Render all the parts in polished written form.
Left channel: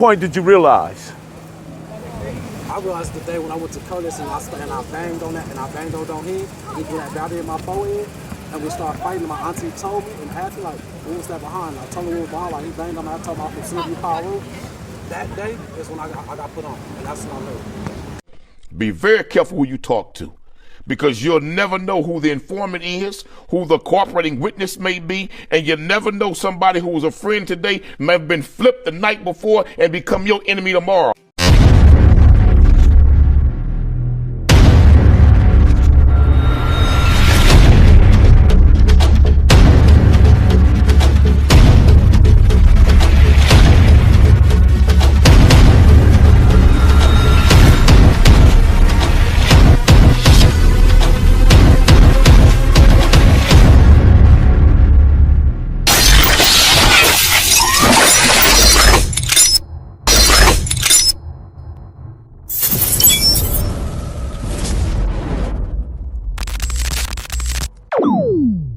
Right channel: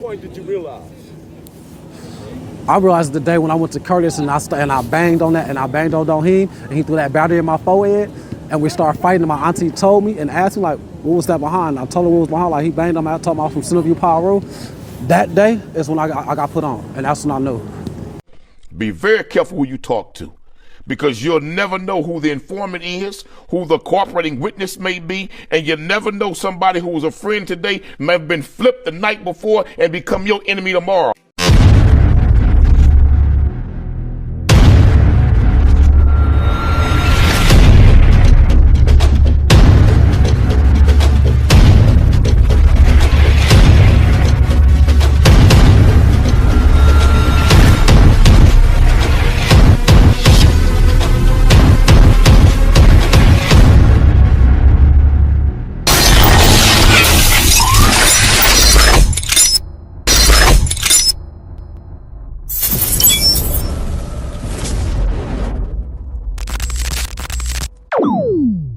Point did you realize? I realized the day when I went to Curtis and I banged on that and I banged on Doheen and he threw that battery in my forehead and we started fighting and my auntie told me and asked me like, what was that behind? I told her what was behind, like he banged on me. I told him I was from Centerview, Piru. That day is when I got put on and that's when I knew. Be very careful who you talk to, because you'll never know who the informant is, who the cooperating witness may be, and you never know somebody who was a friend today may have been flipped the night before and become your enemy tomorrow.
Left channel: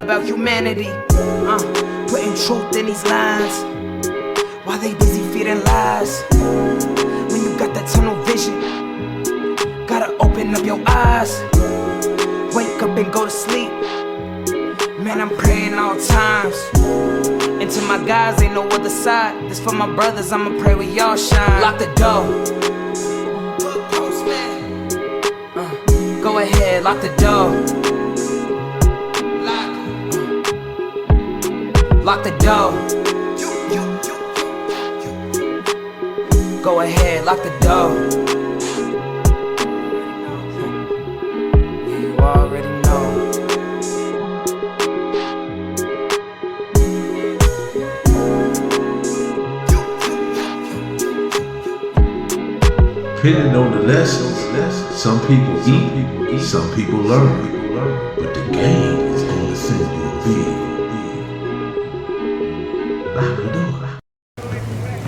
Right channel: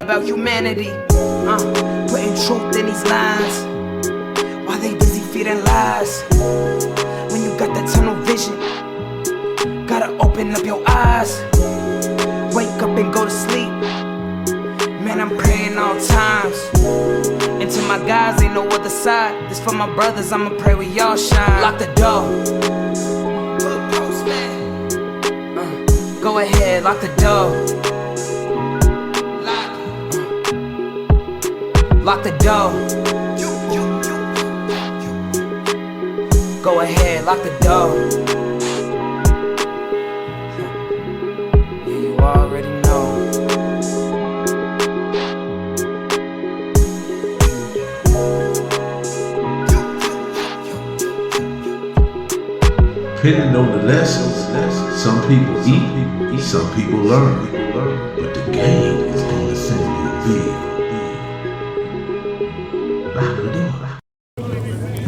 About humanity, putting truth in these lines, while they busy feeding lies. When you got that tunnel vision, gotta open up your eyes. Wake up and go to sleep. Man, I'm praying all times. And to my guys, ain't no other side. This for my brothers, I'ma pray we all shine. Lock the door. Go ahead, lock the door. Lock the door. Go ahead, lock the door. Yeah, you already know. Depending on the lessons, some people eat, some people learn. But the game is going to send you big.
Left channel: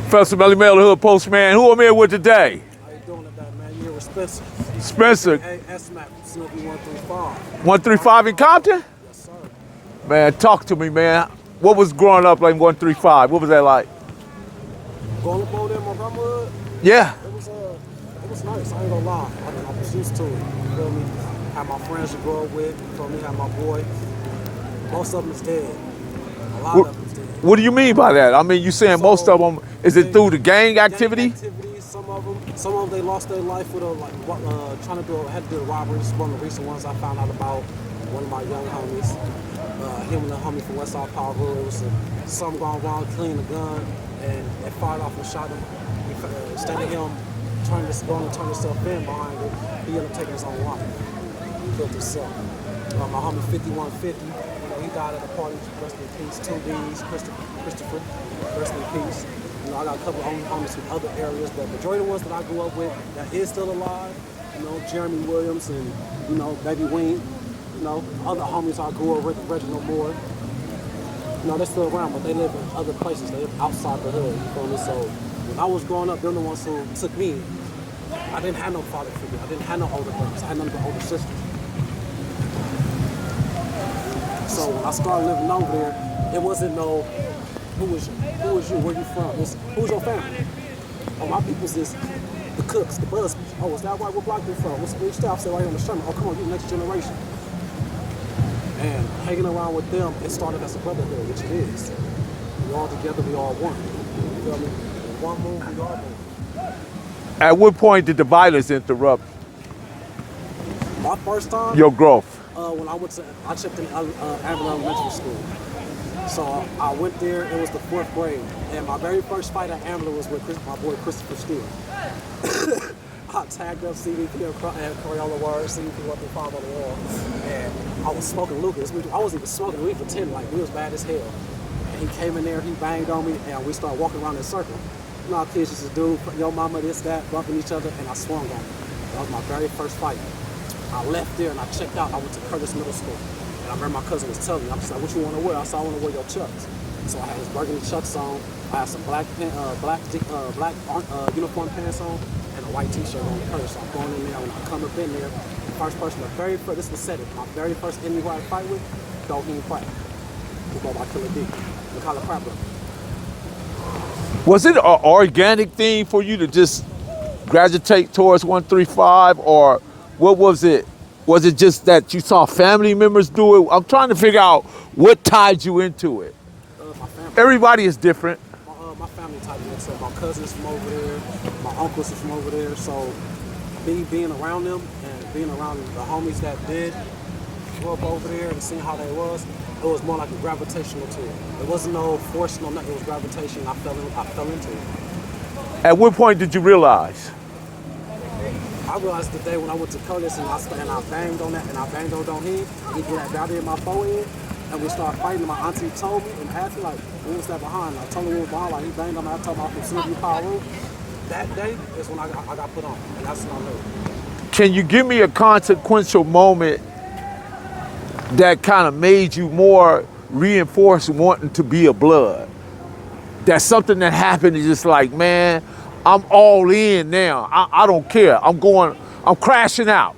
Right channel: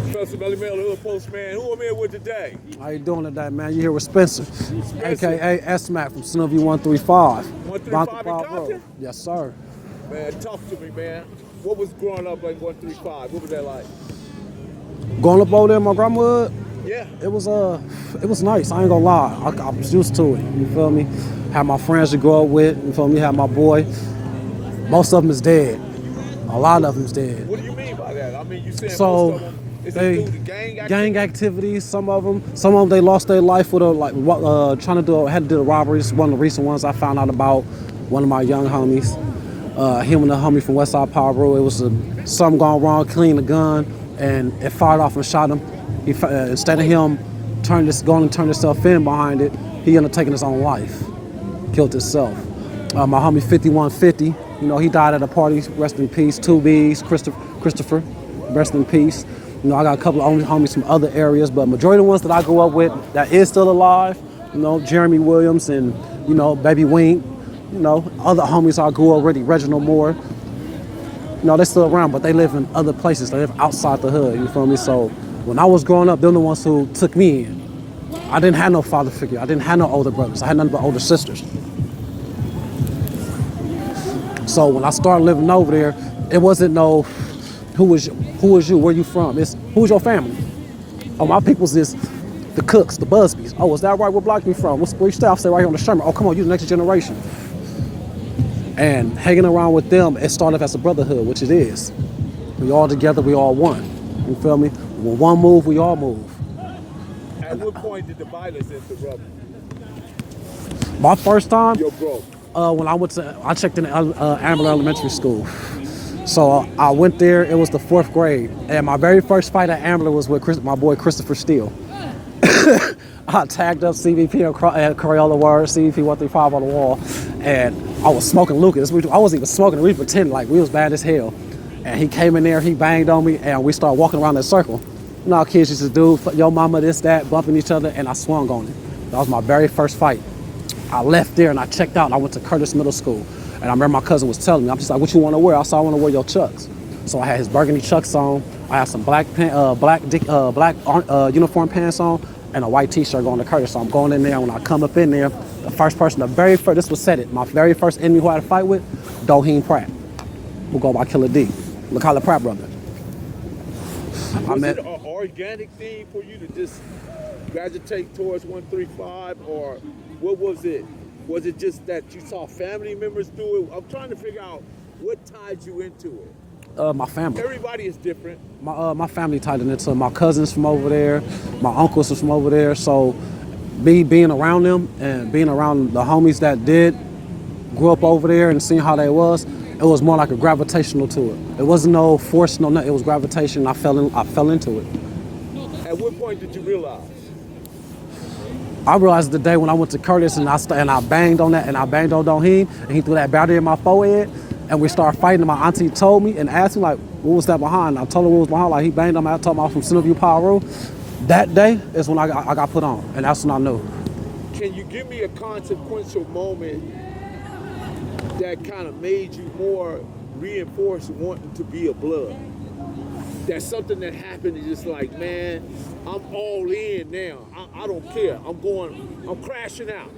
Professor Melly Mel, the Hood Postman. Who am I here with today? How you doing today, man? You here with Spencer. Spencer. AKA S-Mac from Centerview 135. 135 in Compton? Yes, sir. Man, talk to me, man. What was growing up like 135? What was that like? Going up over there in my grandmahood? Yeah. It was nice. I ain't gonna lie. I was used to it. You feel me? Had my friends to grow up with. You feel me? Had my boy. Most of them is dead. A lot of them is dead. What do you mean by that? I mean, you saying most of them, is it through the gang activity? Gang activities, some of them they lost their life with had to do the robberies. One of the recent ones I found out about, one of my young homies, him and the homie from Westside Piru. It was something gone wrong, cleaned the gun, and it fired off and shot him. Instead of him going to turn himself in behind it, he ended up taking his own life, killed himself. My homie 5150, you know, he died at a party, rest in peace. 2Bs, Christopher, rest in peace. You know, I got a couple of homies from other areas, but majority of the ones that I grew up with that is still alive, you know, Jeremy Williams and, you know, Baby Wink, you know, other homies I grew up with, Reginald Moore. You know, they're still around, but they live in other places. They live outside the hood, you feel me? So when I was growing up, they're the ones who took me in. I didn't have no father figure. I didn't have no older brothers. I had nothing but older sisters. So when I started living over there, it wasn't no, who is you, where you from? It's who's your family? Oh, my people's is the Cooks, the Busbys. Oh, is that right? Where Block me from? What's the staff say right here on the Sherman? Oh, come on, you the next generation. And hanging around with them, it started as a brotherhood, which it is. We all together, we all one. You feel me? When one move, we all move. At what point did the violence interrupt My first time? your growth? When I checked in Ambler Elementary School. So I went there, it was the 4th grade. And my very first fight at Ambler was with my boy Christopher Steele. I tagged up CVP and Crayola Word, CVP 135 on the wall. And I was smoking Lucas. I wasn't even smoking, we pretended like we was bad as hell. And he came in there, he banged on me, and we started walking around that circle. You know how kids used to do, yo mama, this, that, bumping each other, and I swung on him. That was my very first fight. I left there and I checked out and I went to Curtis Middle School. And I remember my cousin was telling me, I'm just like, what you want to wear? I said, I want to wear your Chucks. So I had his burgundy Chucks on. I had some black uniform pants on and a white t-shirt going to Curtis. So I'm going in there. When I come up in there, this was said it. My very first enemy who I had to fight with, Doheen Pratt, who go by Killer D. Look how the Pratt brother. Was it an organic thing for you to just gravitate towards 135, or what was it? Was it just that you saw family members do it? I'm trying to figure out what tied you into it. My family. Everybody is different. My family tied into it. My cousins from over there, my uncles are from over there. So me being around them and being around the homies that did grew up over there and seeing how they was, it was more like a gravitational to it. It wasn't no force, no nothing. It was gravitation. I fell into it. At what point did you realize? I realized the day when I went to Curtis and I banged on that and I banged on him and he threw that battery in my forehead and we started fighting and my auntie told me and asked me like, what was that behind? I told her what was behind, like he banged on me. I told him I was from Centerview, Piru. That day is when I got put on and that's when I knew. Can you give me a consequential moment that kind of made you more reinforced wanting to be a blood? That's something that happened, is just like, man, I'm all in now. I don't care. I'm crashing out.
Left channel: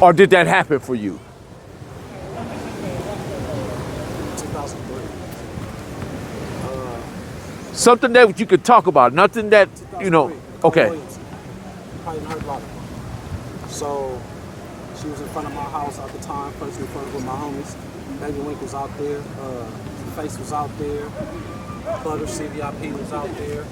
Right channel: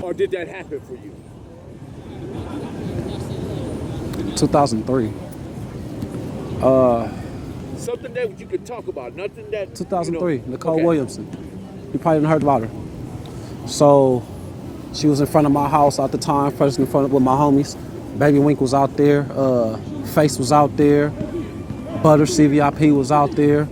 Or did that happen for you? 2003. Something that you could talk about, nothing that, 2003, Nicole Williamson. You probably haven't heard about her. So she was in front of my house at the time, first in front of with my homies. Baby Wink was out there, Face was out there, Butter, CVIP was out there.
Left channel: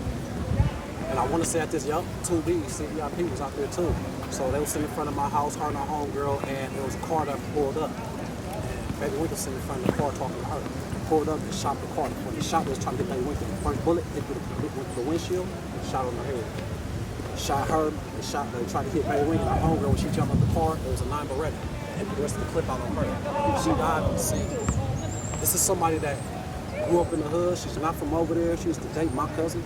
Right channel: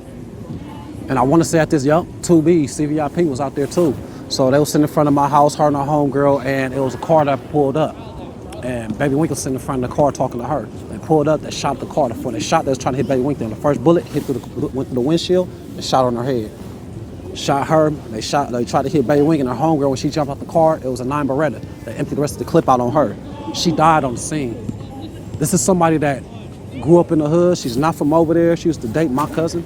And I want to say at this, 2B, CVIP was out there too. So they was sitting in front of my house, her and her homegirl, and it was a car that pulled up. And Baby Wink was sitting in front of the car talking to her. They pulled up, they shot the car. Before they shot, they was trying to hit Baby Wink. The first bullet went through the windshield and shot on her head. Shot her, they tried to hit Baby Wink and her homegirl. When she jumped off the car, it was a 9 Beretta. They emptied the rest of the clip out on her. She died on the scene. This is somebody that grew up in the hood. She's not from over there. She used to date my cousin.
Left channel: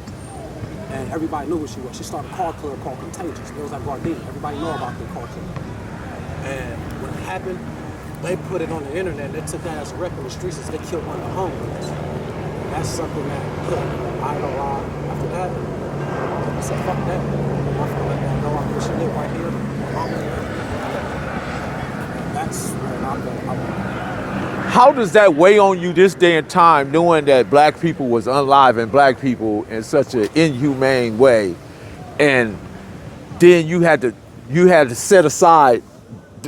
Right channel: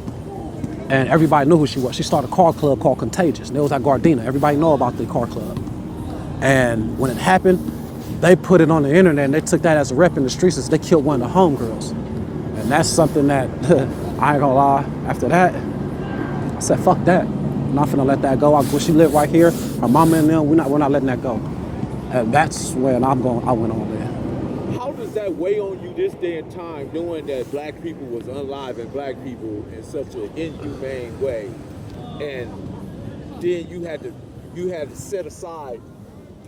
And everybody knew who she was. She started a car club called Contagious. And it was at Gardena. Everybody know about the car club. And when it happened, they put it on the internet and they took that as a rep in the streets as they killed one of the homegirls. And that's something that, I ain't gonna lie, after that, I said, fuck that. I'm not gonna let that go. When she lived right here, her mama and them, we're not letting that go. And that's when I went on there. How does that weigh on you this day and time, knowing that black people was unaliving black people in such an inhumane way, and then you had to set aside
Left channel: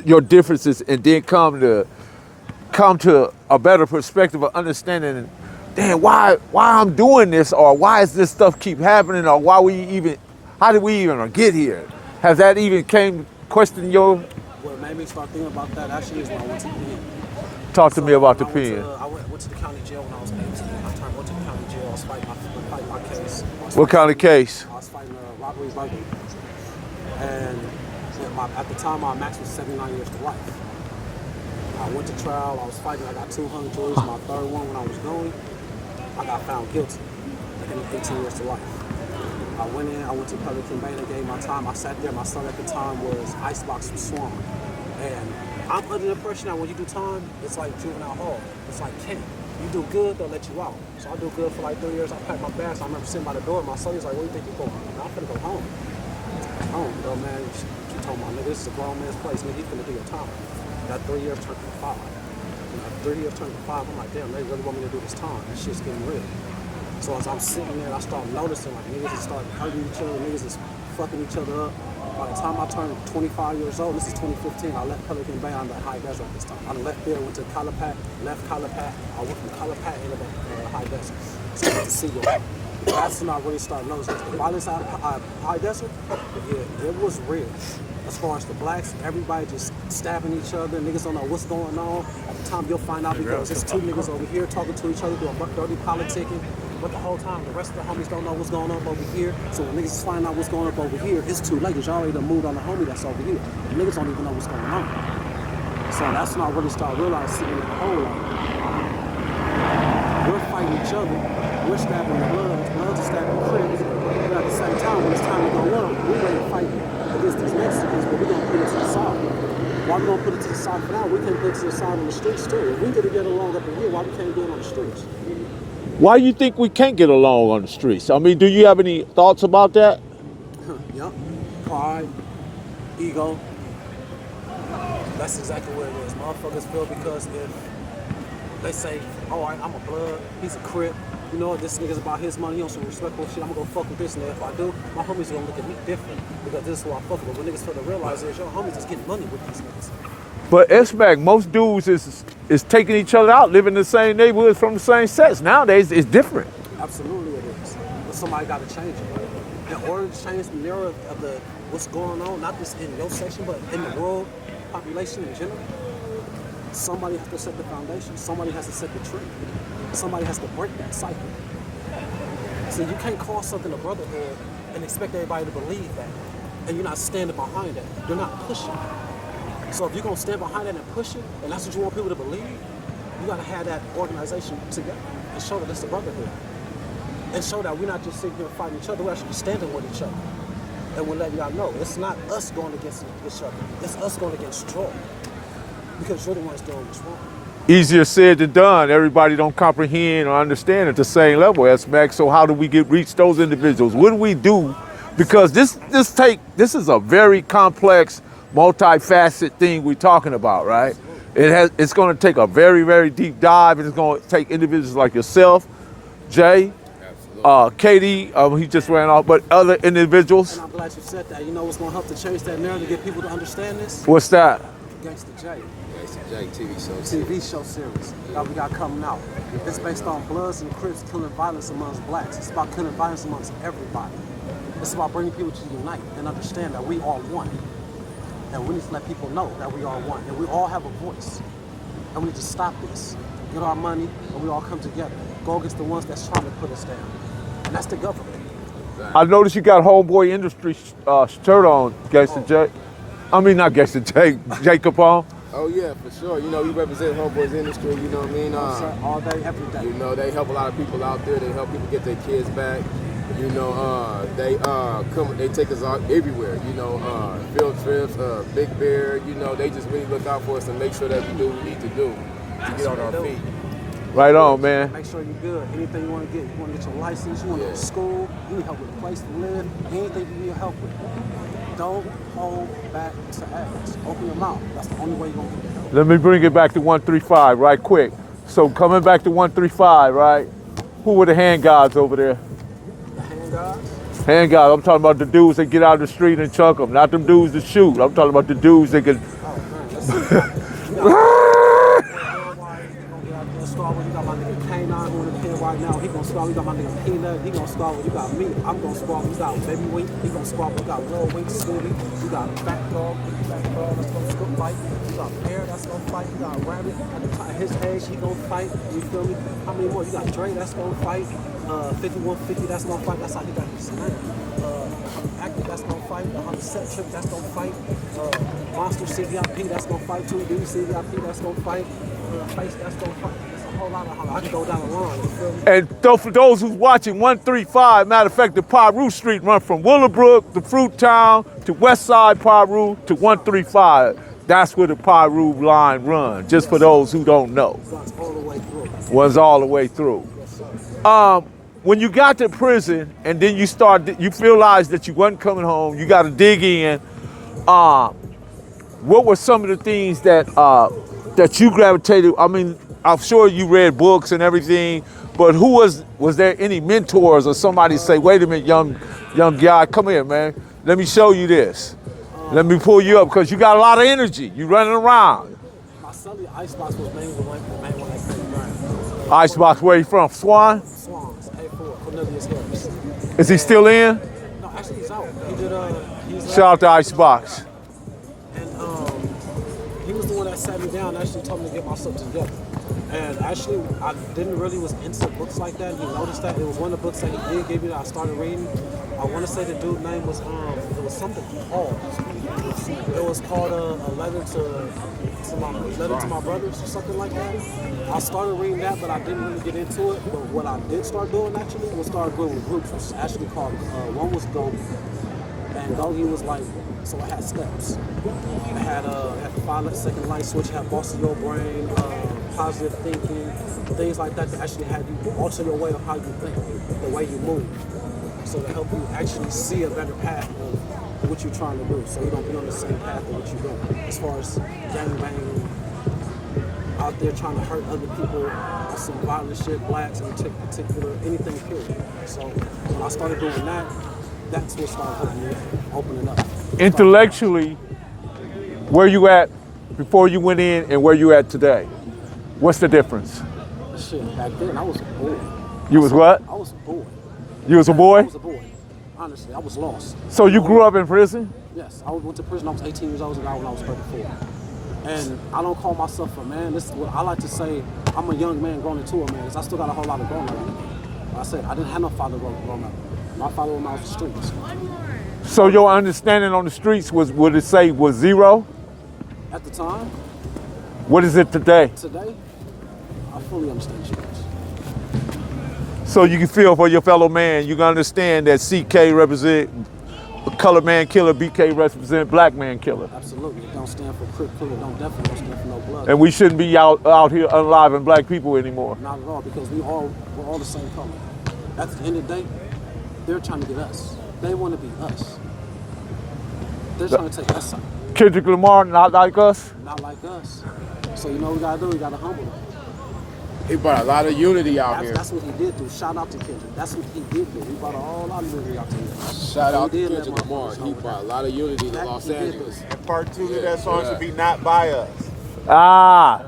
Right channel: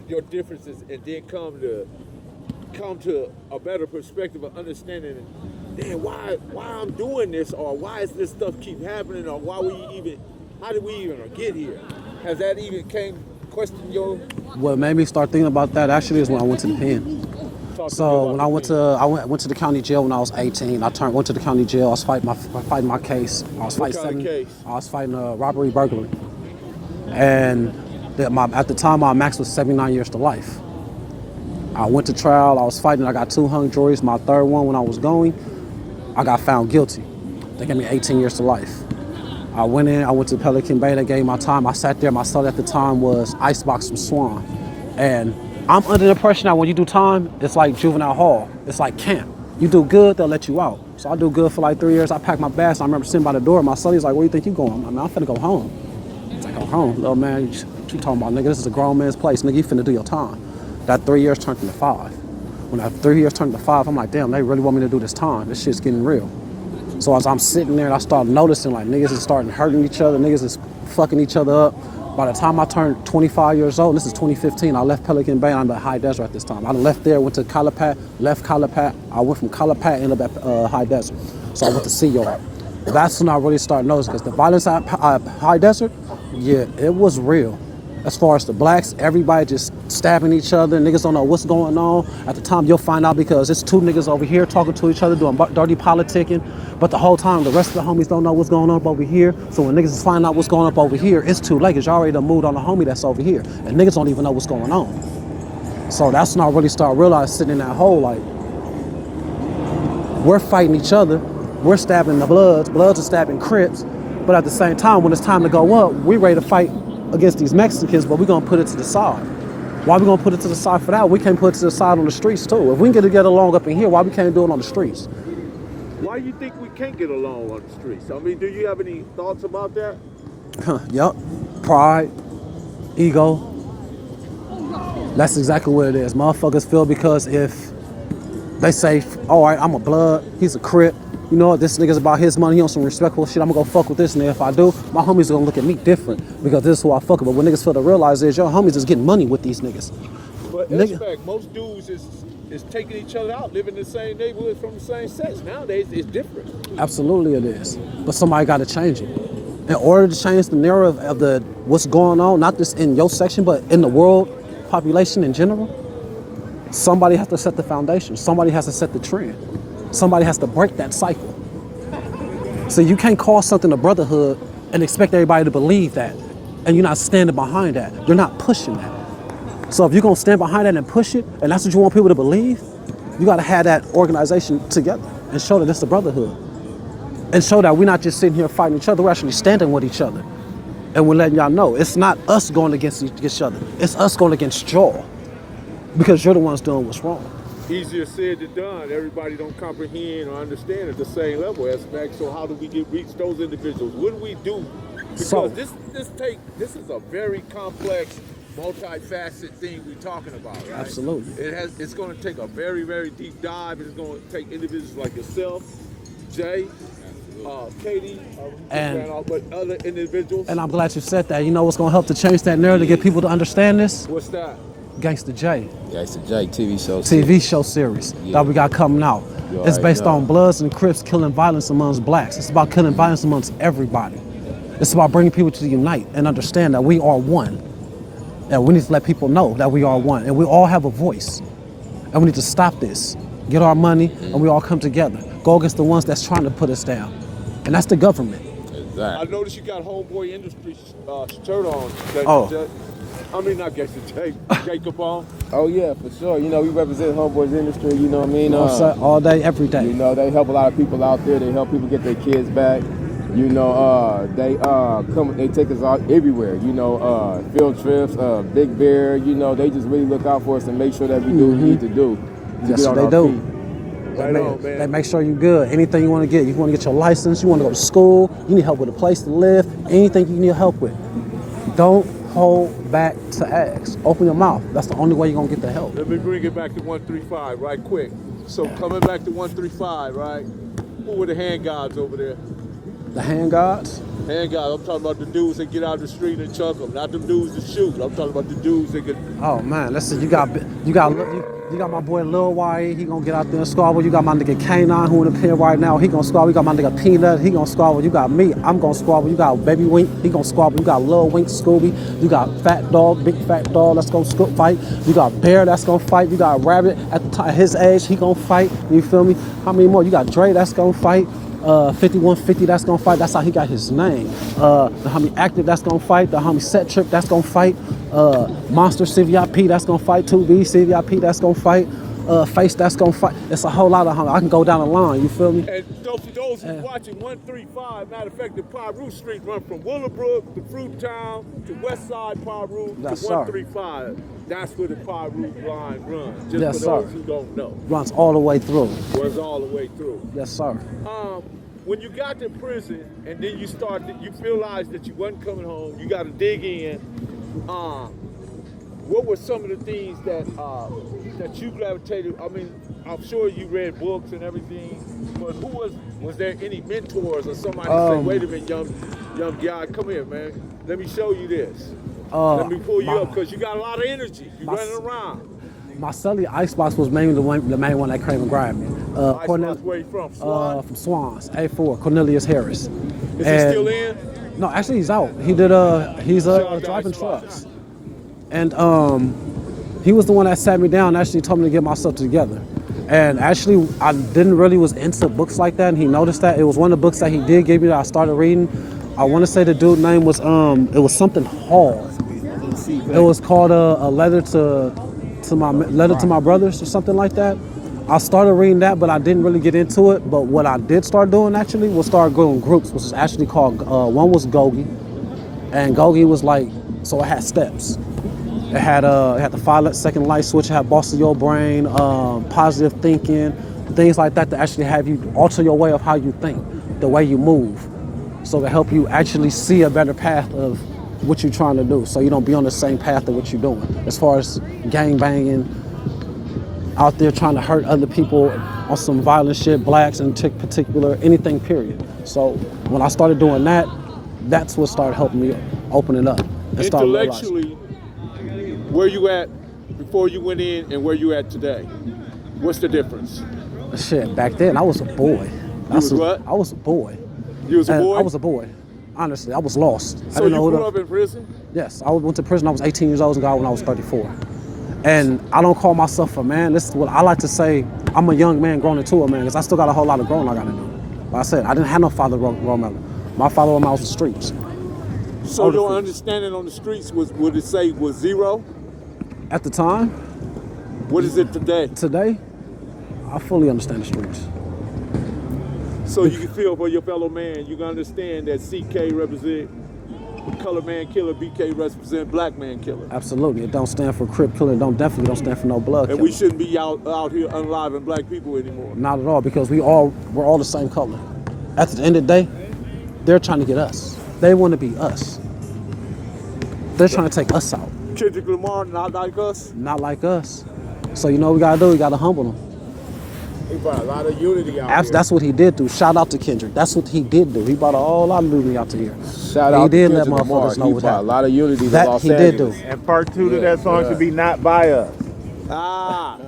your differences and then come to a better perspective of understanding, damn, why I'm doing this, or why is this stuff keep happening, or how did we even get here? Has that even question your? What made me start thinking about that actually is when I went to the pen. Talk to me about the pen. I went to the county jail when I was 18. Went to the county jail. I was fighting my case. What kind of case? I was fighting a robbery, burglary. And at the time, my max was 79 years to life. I went to trial. I was fighting. I got 2 hung juries. My third one, when I was going, I got found guilty. They gave me 18 years to life. I went in. I went to Pelican Bay. They gave me my time. I sat there. My cell at the time was Icebox from Swan. And I'm under the impression that when you do time, it's like juvenile hall. It's like camp. You do good, they'll let you out. So I do good for like 3 years. I packed my bags. I remember sitting by the door. My son, he's like, where do you think you going? I'm finna go home. Go home. Little man, what you talking about, nigga? This is a grown man's place. Nigga, you finna do your time. That 3 years turned into 5. When that 3 years turned to 5, I'm like, damn, they really want me to do this time. This shit's getting real. So as I'm sitting there, I start noticing like niggas is starting hurting each other. Niggas is fucking each other up. By the time I turned 25 years old, this is 2015, I left Pelican Bay, I'm at High Desert at this time. I left there, went to Calipat, left Calipat. I went from Calipat, ended up at High Desert. So I went to CEO. That's when I really started noticing, because the violence at High Desert, yeah, it was real. As far as the blacks, everybody just stabbing each other, niggas don't know what's going on. At the time, you'll find out because it's 2 niggas over here talking to each other, doing dirty politicking. But the whole time, the rest of the homies don't know what's going on up over here. So when niggas is finding out what's going up over here, it's too late, because you already done moved on the homie that's over here. And niggas don't even know what's going on. So that's when I really started realizing, sitting in that hole, like, we're fighting each other. We're stabbing the Bloods. Bloods are stabbing Crips. But at the same time, when it's time to go up, we ready to fight against these Mexicans, but we're going to put it to the side. Why we going to put it to the side for that? We can't put it to the side on the streets, too. If we can get along up in here, why we can't do it on the streets? Why do you think we can't get along on the streets? I mean, do you have any thoughts about that? Yup. Pride, ego. That's exactly what it is. Motherfuckers feel because if they say, all right, I'm a blood, he's a Crip, you know what, this nigga's about his money, he on some respectful shit, I'm gonna go fuck with this nigga. If I do, my homies are gonna look at me different because this is who I fuck with. But when niggas fail to realize is your homies is getting money with these niggas. But S-Mac, most dudes is taking each other out, living in the same neighborhood from the same sets. Nowadays, it's different. Absolutely it is. But somebody gotta change it. In order to change the narrative of what's going on, not just in your section, but in the world population in general, somebody has to set the foundation. Somebody has to set the trend. Somebody has to break that cycle. So you can't call something a brotherhood and expect everybody to believe that, and you're not standing behind that. You're not pushing that. So if you're gonna stand behind that and push it, and that's what you want people to believe, you gotta have that organization together and show that it's a brotherhood. And show that we're not just sitting here fighting each other, we're actually standing with each other. And we're letting y'all know, it's not us going against each other, it's us going against y'all. Because you're the ones doing what's wrong. Easier said than done. Everybody don't comprehend or understand at the same level, S-Mac. So how do we reach those individuals? What do we do? Because this is a very complex, multifaceted thing we're talking about, right? Absolutely. It's going to take a very, very deep dive, and it's going to take individuals like yourself, Jay, Katie, he just ran off, but other individuals. And I'm glad you said that. You know what's gonna help to change that narrative, get people to understand this? What's that? Gangsta J. Gangsta J TV show series that we got coming out. It's based on Bloods and Crips killing violence amongst blacks. It's about killing violence amongst everybody. It's about bringing people to unite and understand that we are one. And we need to let people know that we are one. And we all have a voice. And we need to stop this. Get our money, and we all come together. Go against the ones that's trying to put us down. And that's the government. Exactly. I noticed you got Homeboy Industry shirt on, Gangsta J. I mean, not Gangsta J, Jacob on. Oh yeah, for sure. You know, we represent Homeboys Industry, you know what I mean? All day, every day. You know, they help a lot of people out there. They help people get their kids back. You know, they take us out everywhere. You know, field trips, Big Bear. You know, they just really look out for us and make sure that we do what we need to do to get on our feet. Right on, man. And make sure you're good. Anything you want to get. You want to get your license, you want to go to school, you need help with a place to live, anything you need help with. Don't hold back to ask. Open your mouth. That's the only way you're going to get the help. Let me bring it back to 135 right quick. So coming back to 135, right? Who were the hand guards over there? The hand guards? Hand guards, I'm talking about the dudes that get out of the street and chunk them, not them dudes that shoot. I'm talking about the dudes that can... Oh man, you got my boy Lil Y, he gonna get out there and squabble. You got my nigga K9 who in the pen right now, he gonna squabble. You got my nigga Peanut, he gonna squabble. You got me, I'm gonna squabble. You got Baby Wink, he gonna squabble. You got Lil Wink, Scooby. You got Fat Dog, Big Fat Dog, let's go fight. You got Bear, that's gonna fight. You got Rabbit, at his age, he gonna fight. You feel me? How many more? You got Dre, that's gonna fight. 5150, that's gonna fight. That's how he got his name. The homie Active, that's gonna fight. The homie Set Trick, that's gonna fight. Monster CVIP, that's gonna fight. 2B CVIP, that's gonna fight. Face, that's gonna fight. It's a whole lot of homies. I can go down the line, you feel me? And for those who's watching 135, matter of fact, the Piru Street run from Willowbrook to Fruit Town to West Side Piru to 135. That's where the Piru line runs, just for those who don't know. Runs all the way through. Runs all the way through. Yes, sir. When you got to prison and then you realized that you wasn't coming home, you got to dig in. What were some of the things that you gravitated? I mean, I'm sure you read books and everything, but was there any mentors or somebody say, wait a minute, young guy, come here, man. Let me show you this. Let me pull you up, because you got a lot of energy. You running around. My celly Icebox was mainly the main one that came and grabbed me. Icebox, where you from? Swan? From Swans, A4, Cornelius Harris. Is he still in? No, actually he's out. He did Shout out to Icebox. And he was the one that sat me down and actually told me to get myself together. And actually, I didn't really was into books like that, and he noticed that. It was one of the books that he did give me that I started reading. I want to say the dude's name was, it was something Hall. It was called a letter to my brothers or something like that. I started reading that, but I didn't really get into it. But what I did start doing actually was start going groups, which is actually called, one was Gogi. And Gogi was like, so it had steps. It had the 5-second light switch, it had bossing your brain, positive thinking, things like that to actually have you alter your way of how you think, the way you move. So to help you actually see a better path of what you're trying to do, so you don't be on the same path of what you're doing. As far as gang banging, out there trying to hurt other people, on some violent shit, blacks in particular, anything period. So when I started doing that, that's what started helping me opening up. Intellectually, where you at before you went in and where you at today? What's the difference? Shit, back then I was a boy. You was what? I was a boy. You was a boy? I was a boy. Honestly, I was lost. So you grew up in prison? Yes, I went to prison. I was 18 years old and got out when I was 34. And I don't call myself a man. This is what I like to say. I'm a young man growing into a man because I still got a whole lot of growing I got to do. Like I said, I didn't have no father growing up. My father was out the streets. So your understanding on the streets was, would it say, was zero? At the time. What is it today? Today, I fully understand the streets. So you can feel for your fellow man. You can understand that CK represent color man killer, BK represent black man killer. Absolutely. It don't stand for Crip killer. Definitely don't stand for no blood. And we shouldn't be out here unaliving black people anymore. Not at all, because we're all the same color. At the end of the day, they're trying to get us. They want to be us. They're trying to take us out. Kendrick Lamar, not like us? Not like us. So you know what we gotta do? We gotta humble them. He brought a lot of unity out here. That's what he did do. Shout out to Kendrick. That's what he did do. He brought a whole lot of unity out to here. Shout out he to did let Kendrick Lamar. motherfuckers know He what brought a happened. lot of unity to That Los he Angeles. did do. And part two to that song should be Not By Us. Ah,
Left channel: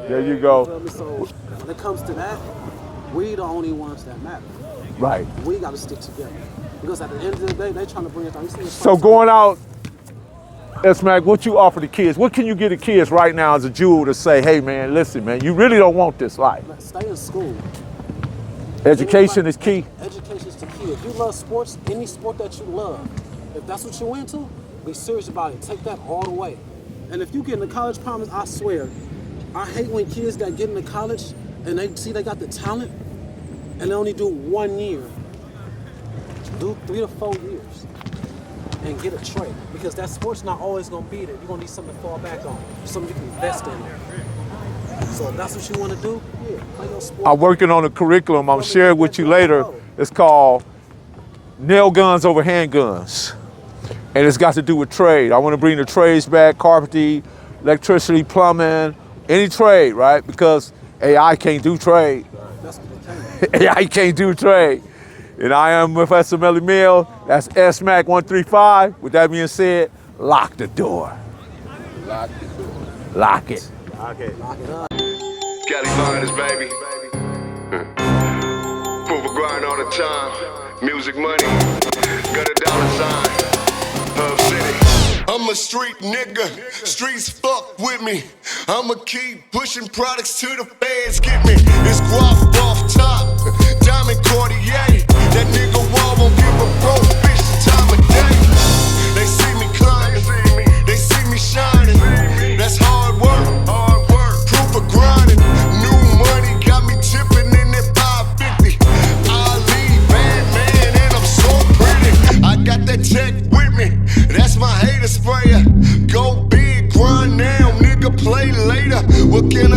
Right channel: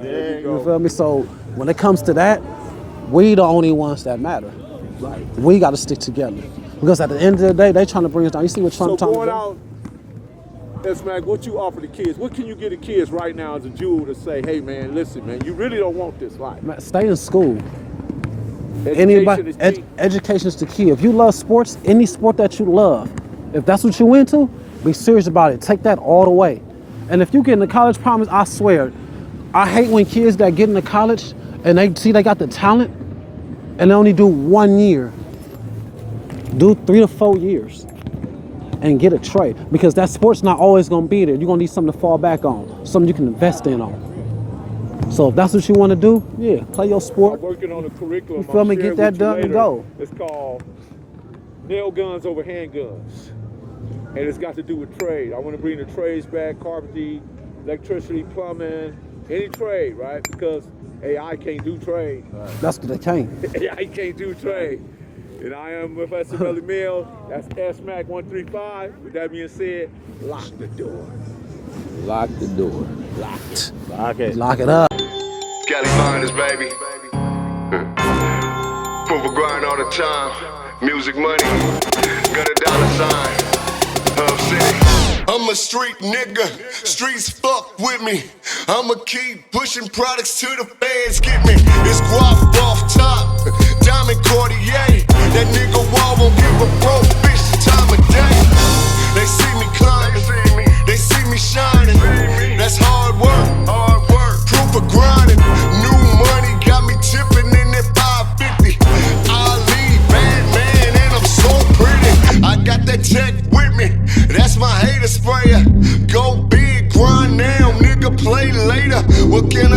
there you You go. feel me? So when it comes to that, we the only ones that matter. Right. We gotta stick together. Because at the end of the day, they trying to bring us down. You see what So Trump's going trying to out, S-Mac, what you offer the kids? What can you get the kids right now as a jewel to say, hey man, listen man, you really don't want this life. do? Stay in school. Education is key. Education is the key. If you love sports, any sport that you love, if that's what you into, be serious about it. Take that all the way. And if you get into college, promise, I swear, I hate when kids that get into college and they see they got the talent and they only do 1 year. Do 3 to 4 years and get a trade, because that sport's not always gonna be there. You're gonna need something to fall back on, something you can invest in on. So if that's what you wanna do, yeah, play your sport. I'm working on a curriculum. You I'm feel me? sharing Get with that you done and later. go. It's called Nail Guns Over Handguns. And it's got to do with trade. I want to bring the trades back, carpentry, electricity, plumbing, any trade, right? Because AI can't do trade. That's what they can't. AI can't do trade. And I am Professor Melly Mill. That's S-Mac 135. With that being said, lock the door. Lock the door. Lock it. Okay. Lock it up. Cali Miners, baby. Proof of grind all the time. Music money. Got a dollar sign. Hub City. I'm a street nigga. Streets fuck with me. I'ma keep pushing products till the feds get me. It's guap off top. Diamond Cartier. That nigga Wall won't give a bro bitch the time of day. They see me climbing. They see me shining. That's hard work. Proof of grinding. New money got me tipping in that 550. Ali, bad man, and I'm so pretty. I got that tech with me. That's my hater sprayer. Go big, grind now, nigga, play later. What can